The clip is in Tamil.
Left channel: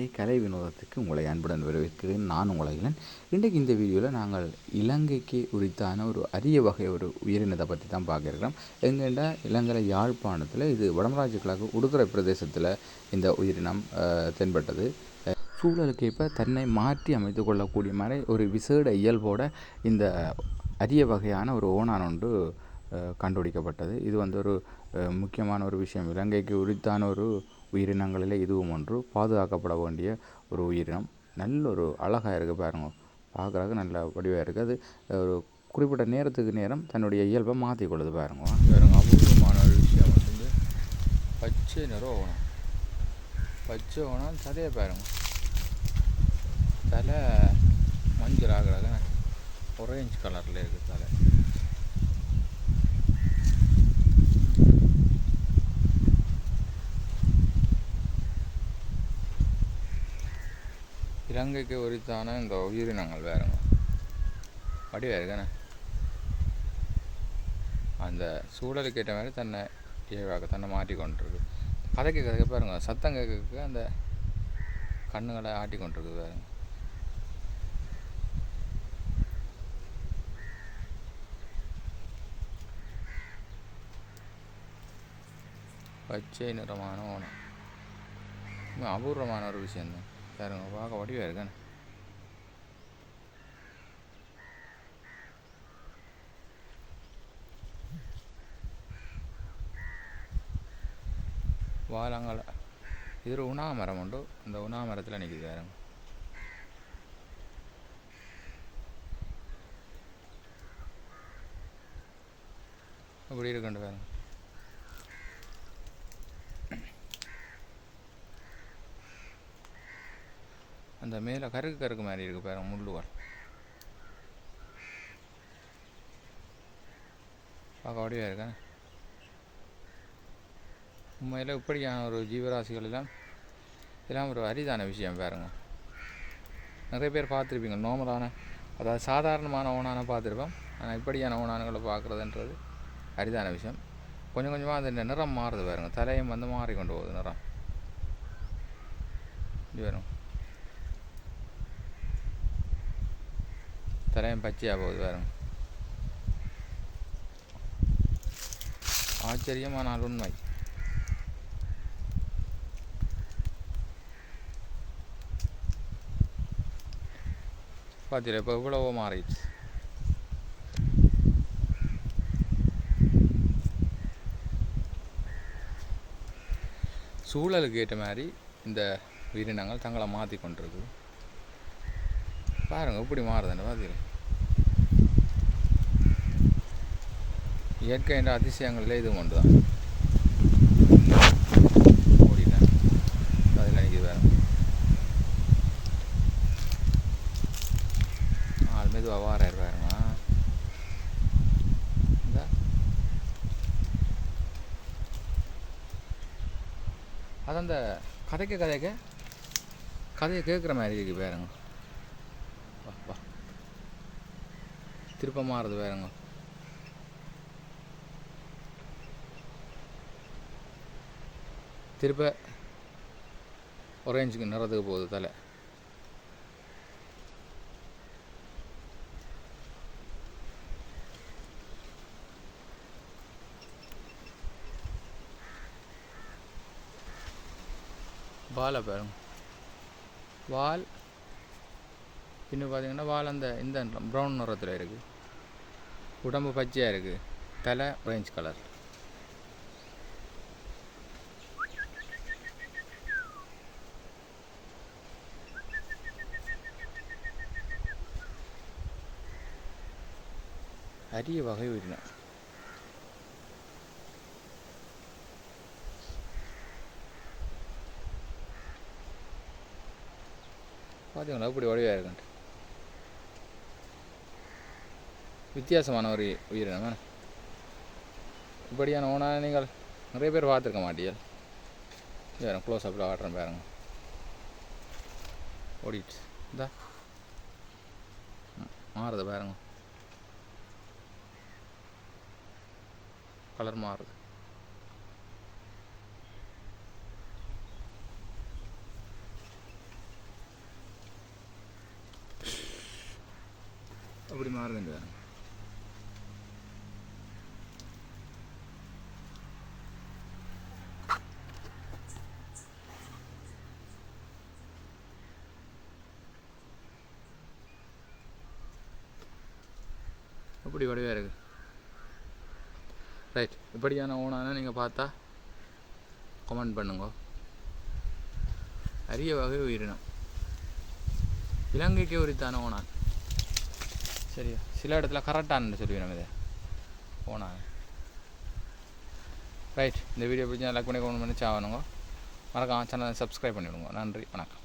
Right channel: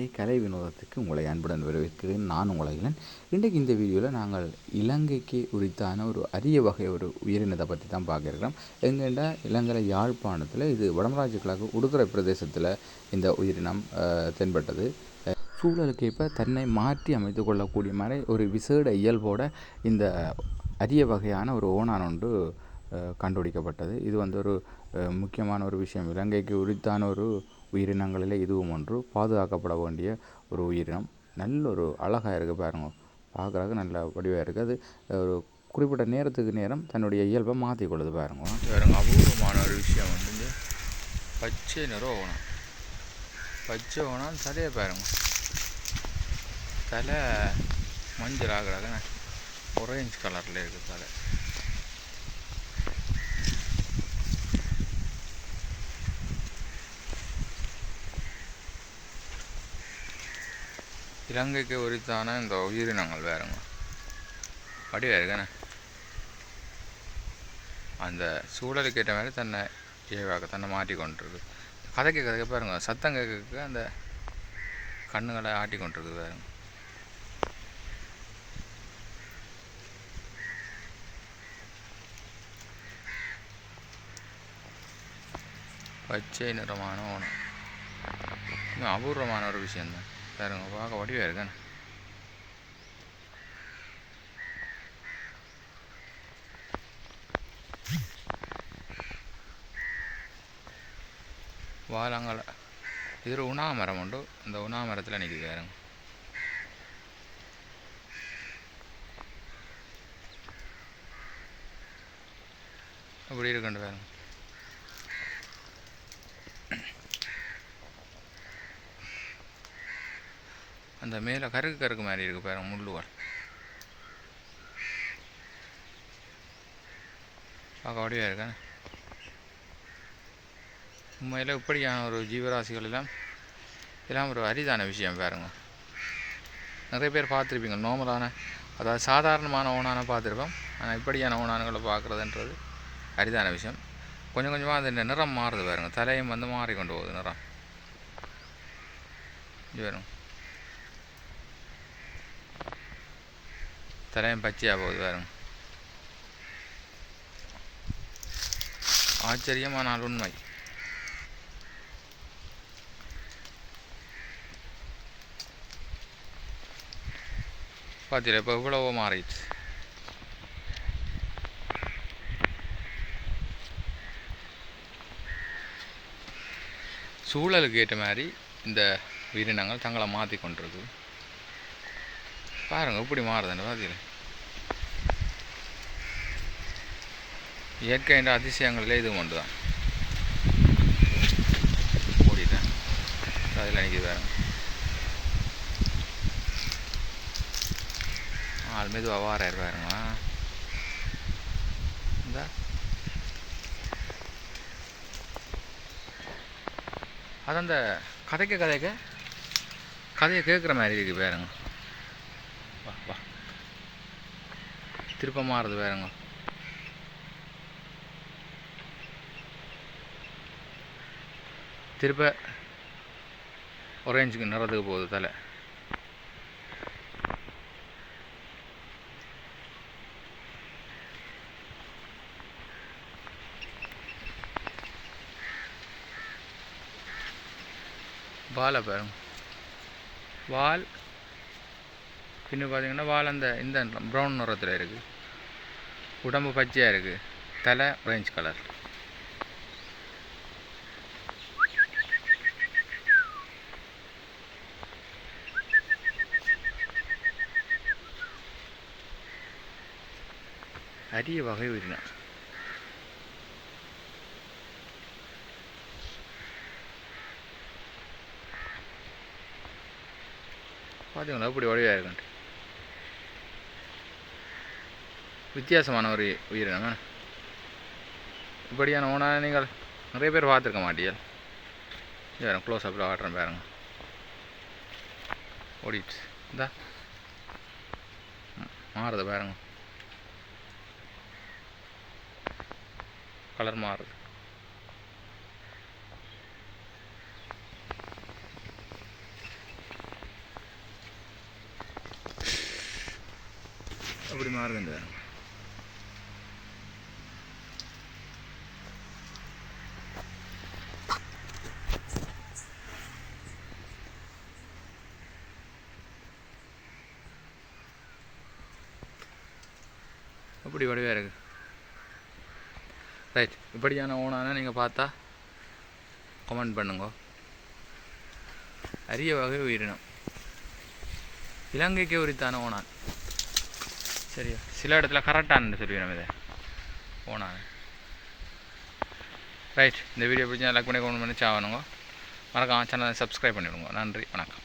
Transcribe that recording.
நேர்களே கலை வினோதத்துக்கு உங்களை அன்புடன் வரவேற்கிறேன். நான் உங்களை இன்றைக்கு இந்த வீடியோவில் நாங்கள் இலங்கைக்கு உரித்தான ஒரு அரிய வகை ஒரு உயிரினத்தை பற்றி தான் பார்க்கிறோம் எங்கேண்டா இலங்கை யாழ்ப்பாணத்தில் இது வடமராஜ கிழக்கு உடுதுறை பிரதேசத்தில் இந்த உயிரினம் தென்பட்டது. சூழலுக்கு இப்போ தன்னை மாற்றி அமைத்து கொள்ளக்கூடிய மாதிரி ஒரு விசேட இயல்போட இந்த அரிய வகையான ஒரு ஓணான் ஒன்று கண்டுபிடிக்கப்பட்டது. இது வந்து ஒரு முக்கியமான ஒரு விஷயம். இலங்கைக்கு உரித்தான ஒரு உயிரினங்களில் இதுவும் ஒன்று. பாதுகாக்கப்பட வேண்டிய ஒரு உயிரினம். நல்ல ஒரு அழகாக இருக்குது பாருங்க. பார்க்குறதுக்கு நல்ல வடிவாக இருக்குது அது ஒரு குறிப்பிட்ட நேரத்துக்கு நேரம் தன்னுடைய இயல்பை மாற்றி கொள்ளுது பாருங்க. பாருங்க அபூர்வமான ஒரு விஷயம் வந்து இந்த பச்சை நிறம் ஓணம். பச்சை ஓணம் தலையை பாருங்க. தலை மஞ்சள் ஆகிறாங்க ஒரேஞ்ச் கலரில் இருக்குது தலை. இலங்கைக்கு உரித்தான இந்த உயிரினங்கள் வேறுங்க வடிவா இருக்கானே அந்த சூழலுக்கு ஏற்ற மாதிரி தன்னை இயல்பாக தன்னை மாட்டிக்கொண்டிருக்கு கதை கதைக்கு பாருங்க சத்தம் கேட்க அந்த கண்ணுகளை ஆட்டிக்கொண்டிருக்கு பாருங்க. பச்சை நிறமான ஓணம். இன்னும் அபூர்வமான ஒரு விஷயந்தான் பாருங்க பார்க்க வடிவாக இருக்கானே. வாழங்கால இது ஒரு உணா மரம் உண்டு. அந்த உணா மரத்தில் நிற்கிது பாருங்க. அப்படி இருக்குண்டு பாருங்க. அந்த மேலே கருக்கு கருக்கு மாதிரி இருக்குது பாருங்க முள்ளுவாள் பார்க்க வடிவாக இருக்கேன் உண்மையில் இப்படியான ஒரு ஜீவராசிகள் எல்லாம் இதெல்லாம் ஒரு அரிதான விஷயம் பாருங்க. நிறைய பேர் பார்த்துருப்பீங்க நார்மலான அதாவது சாதாரணமான ஓனான பார்த்துருப்போம். ஆனால் இப்படியான ஓனானுகளை பார்க்குறதுன்றது அரிதான விஷயம். கொஞ்சம் கொஞ்சமாக அந்த நிறம் மாறுது பாருங்கள் தலையும் வந்து மாறி கொண்டு போகுது நிறம். இது வரும் தலையும் பச்சையாக போகுது பாருங்க. ஆச்சரியமானால் உண்மை பார்த்தீங்களா இப்போ இவ்வளவோ மாறிடுச்சு. சூழலுக்கு ஏற்ற மாதிரி இந்த உயிரினங்கள் தங்களை மாற்றி கொண்டிருக்கு பாருங்க எப்படி மாறுதுன்னு பார்த்தீங்களா இயற்கையின் அதிசயங்களில் இது ஒன்று தான் மூடிட்டேன் அதில் நிற்கிது பாருங்க. ஆள் மீது அவ்வாறாயிரம் பாருங்க இந்த. அது அந்த கதைக்க கதைக்க கதையை கேட்குற மாதிரி இருக்குது பாருங்க. திருப்ப மாறுது பாருங்க. திருப்ப ஒரேஞ்சுக்கு நிறத்துக்கு போகுது தலை. வாலை பாருங்க. வால் பின்ன பார்த்தீங்கன்னா வால் அந்த இந்த ப்ரௌன் நிறத்தில் இருக்குது உடம்பு பச்சையாக இருக்குது தலை ஆரஞ்சு கலர் அரிய வகை உயிரினம் பார்த்தீங்களா அப்படி வடிவாக இருக்குன்ட்டு. வித்தியாசமான ஒரு உயிரினம் இப்படியான ஓனா நீங்கள் நிறைய பேர் பார்த்துருக்க மாட்டீங்கள் வேறு க்ளோஸ் அப்பில் ஆடுறேன் பாருங்க. ஓடிடுச்சு. இந்தா. மாறுது பாருங்க. கலர் மாறுது. அப்படி மாறுது மாறுதுங்க அப்படி வடிவாக இருக்கு. ரைட் இப்படியான ஓனான நீங்கள் பார்த்தா கமெண்ட் பண்ணுங்க. அரிய வகை உயிரினம். இலங்கைக்கு உரித்தான ஓனான் சரியா? சில இடத்துல கரெக்டானு சொல்லுவேன் இதை. ஓனான் ரைட் இந்த வீடியோ பிடிச்சா லைக் பண்ணி கமெண்ட் பண்ணி சாவணுங்க மறக்காம சேனலை சப்ஸ்கிரைப் பண்ணிவிடுங்க நன்றி. வணக்கம்.